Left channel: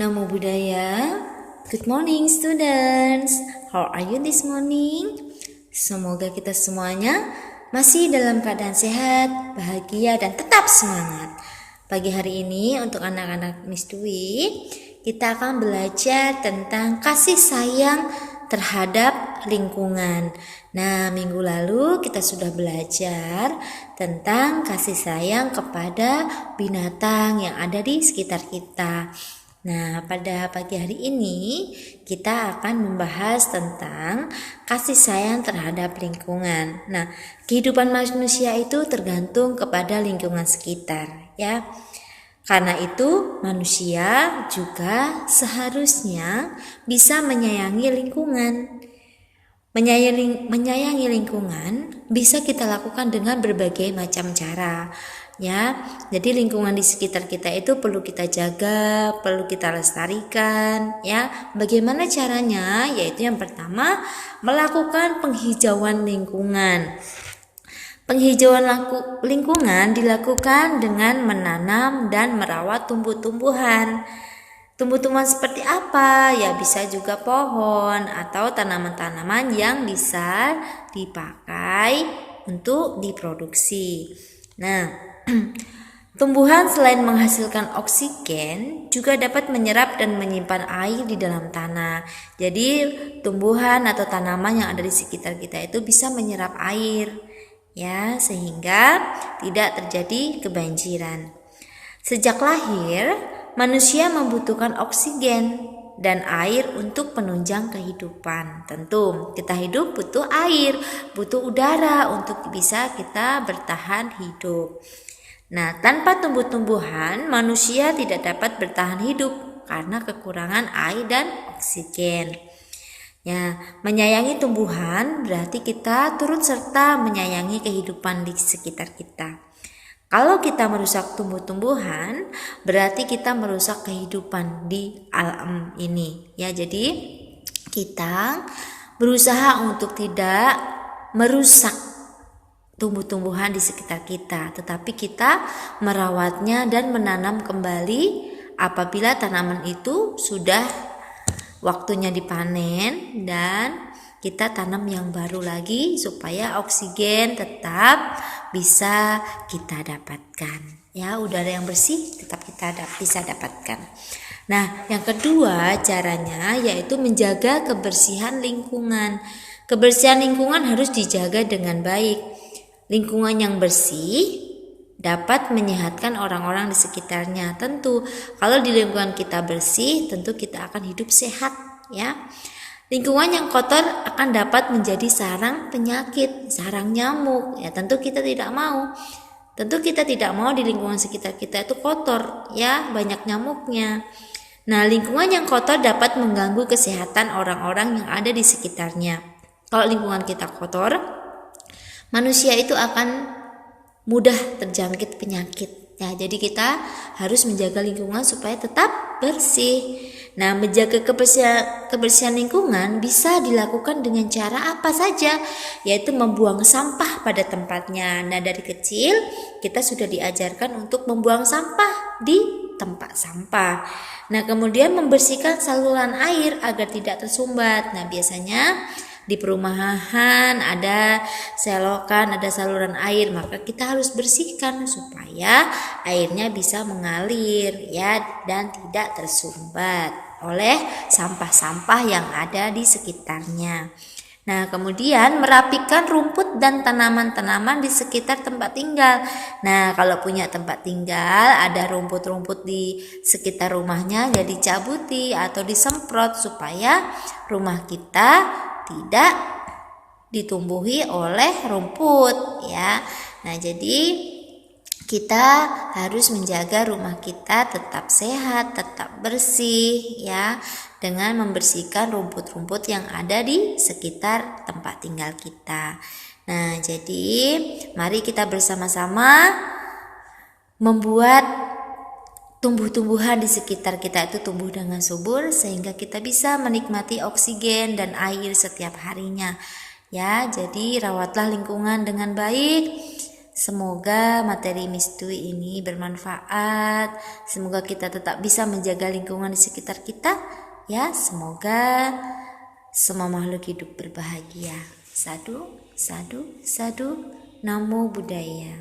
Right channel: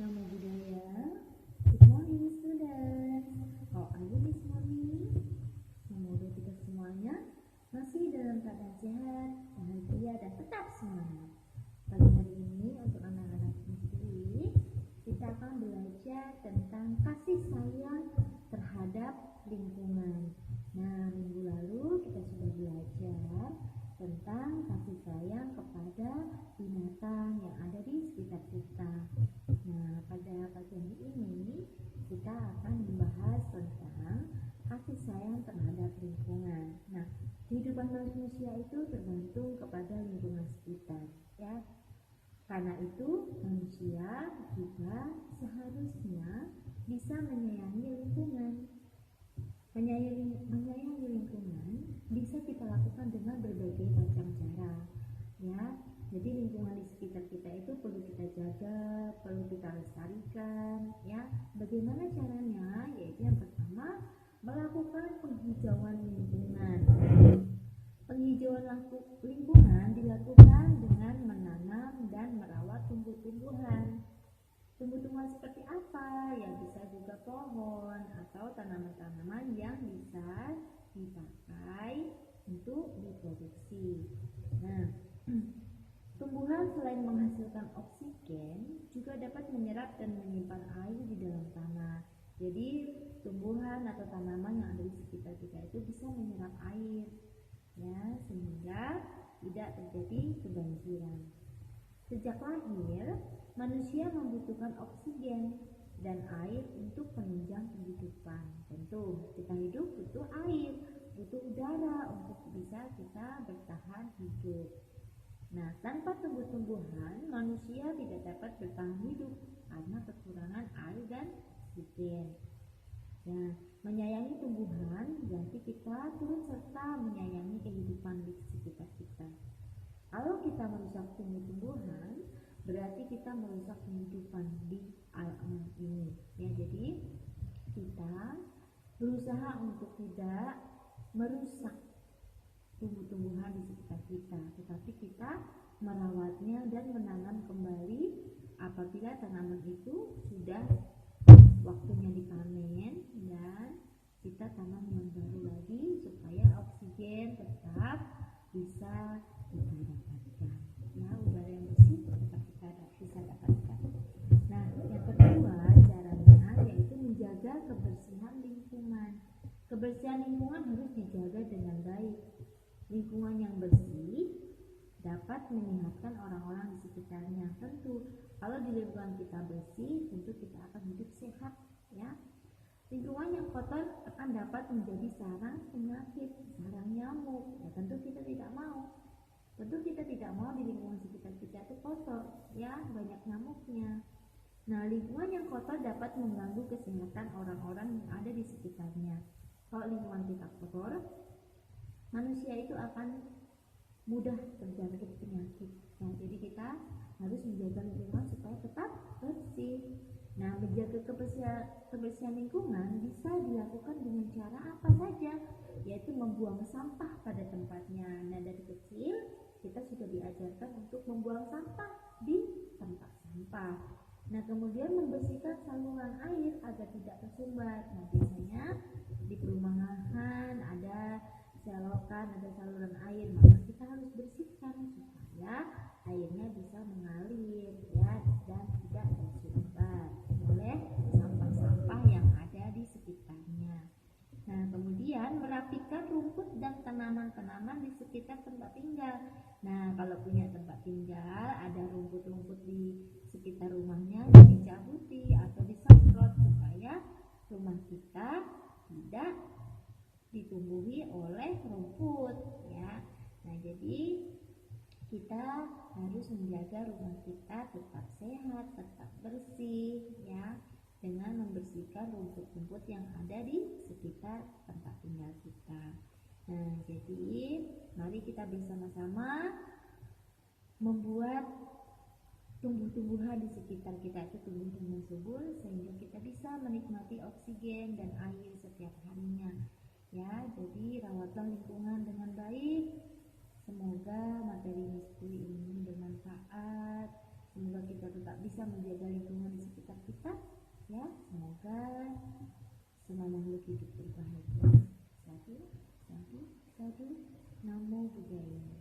Namo Buddhaya. Good morning students. How are you this morning? Semoga kita semuanya masih dalam keadaan sehat, bahagia, dan tetap semangat. Pagi hari ini untuk anak-anak Miss Dwi, kita akan belajar tentang kasih sayang terhadap lingkungan. Nah, minggu lalu kita sudah belajar tentang kasih sayang kepada binatang yang ada di sekitar kita. Nah, pada pagi hari ini kita akan membahas tentang kasih sayang terhadap lingkungan. Nah, kehidupan manusia itu tergantung kepada lingkungan sekitar, ya. Karena itu, manusia juga seharusnya bisa menyayangi lingkungan. Menyayangi lingkungan bisa kita lakukan dengan berbagai macam cara, ya. Jadi lingkungan di sekitar kita itu perlu kita jaga, perlu kita lestarikan, ya. Bagaimana caranya? Yaitu yang pertama, melakukan penghijauan lingkungan. Penghijauan lingkungan dilakukan dengan menanam dan merawat tumbuh-tumbuhan. Tumbuh-tumbuhan seperti apa? Ya, bisa juga pohon atau tanaman-tanaman yang bisa dipakai untuk diproduksi. Nah, tumbuhan selain menghasilkan oksigen juga dapat menyerap dan menyimpan air di dalam tanah. Jadi, tumbuhan atau tanaman yang ada di sekitar kita itu bisa menyerap air, ya, sehingga tidak terjadi kebanjiran. Sejak lahir, manusia membutuhkan oksigen dan air untuk penunjang kehidupan. Tentu, kita hidup butuh air, butuh udara untuk bisa kita bertahan hidup. Nah, tanpa tumbuh-tumbuhan, manusia tidak dapat bertahan hidup karena kekurangan air dan oksigen. Ya, menyayangi tumbuhan berarti kita turut serta menyayangi kehidupan di sekitar kita. Kalau kita merusak tumbuh-tumbuhan, berarti kita merusak kehidupan di alam ini. Ya, jadi kita berusaha untuk tidak merusak tumbuh-tumbuhan di sekitar kita, tetapi kita merawatnya dan menanam kembali apabila tanaman itu sudah waktunya dipanen, dan kita tanam yang baru lagi supaya oksigen tetap bisa kita dapatkan, ya, udara yang bersih tetap kita bisa dapatkan. Nah, yang kedua caranya yaitu menjaga kebersihan lingkungan. Kebersihan lingkungan harus dijaga dengan baik. Lingkungan yang bersih dapat menyehatkan orang-orang di sekitarnya. Tentu, kalau di lingkungan kita bersih, tentu kita akan hidup sehat, ya. Lingkungan yang kotor akan dapat menjadi sarang penyakit, sarang nyamuk. Ya, tentu kita tidak mau. Tentu kita tidak mau di lingkungan sekitar kita itu kotor, ya, banyak nyamuknya. Nah, lingkungan yang kotor dapat mengganggu kesehatan orang-orang yang ada di sekitarnya. Kalau lingkungan kita kotor, manusia itu akan mudah terjangkit penyakit. Ya, jadi kita harus menjaga lingkungan supaya tetap bersih. Nah, menjaga kebersihan lingkungan bisa dilakukan dengan cara apa saja, yaitu membuang sampah pada tempatnya. Nah, dari kecil kita sudah diajarkan untuk membuang sampah di tempat sampah. Nah, kemudian membersihkan saluran air agar tidak tersumbat. Nah, biasanya di perumahan ada selokan, ada saluran air, maka kita harus bersihkan supaya airnya bisa mengalir, ya, dan tidak tersumbat oleh sampah-sampah yang ada di sekitarnya. Nah, kemudian merapikan rumput dan tanaman-tanaman di sekitar tempat tinggal. Nah, kalau punya tempat tinggal ada rumput-rumput di sekitar rumahnya, ya dicabuti atau disemprot supaya rumah kita tidak ditumbuhi oleh rumput, ya. Nah, jadi kita harus menjaga rumah kita tetap sehat, tetap bersih, ya, dengan membersihkan rumput-rumput yang ada di sekitar tempat tinggal kita. Nah, jadi mari kita bersama-sama membuat tumbuh-tumbuhan di sekitar kita itu tumbuh dengan subur sehingga kita bisa menikmati oksigen dan air setiap harinya. Ya, jadi rawatlah lingkungan dengan baik Semoga materi Mistui ini bermanfaat. Semoga kita tetap bisa menjaga lingkungan di sekitar kita. Ya, semoga semua makhluk hidup berbahagia. Sadu, sadu, sadu. Namo Buddhaya.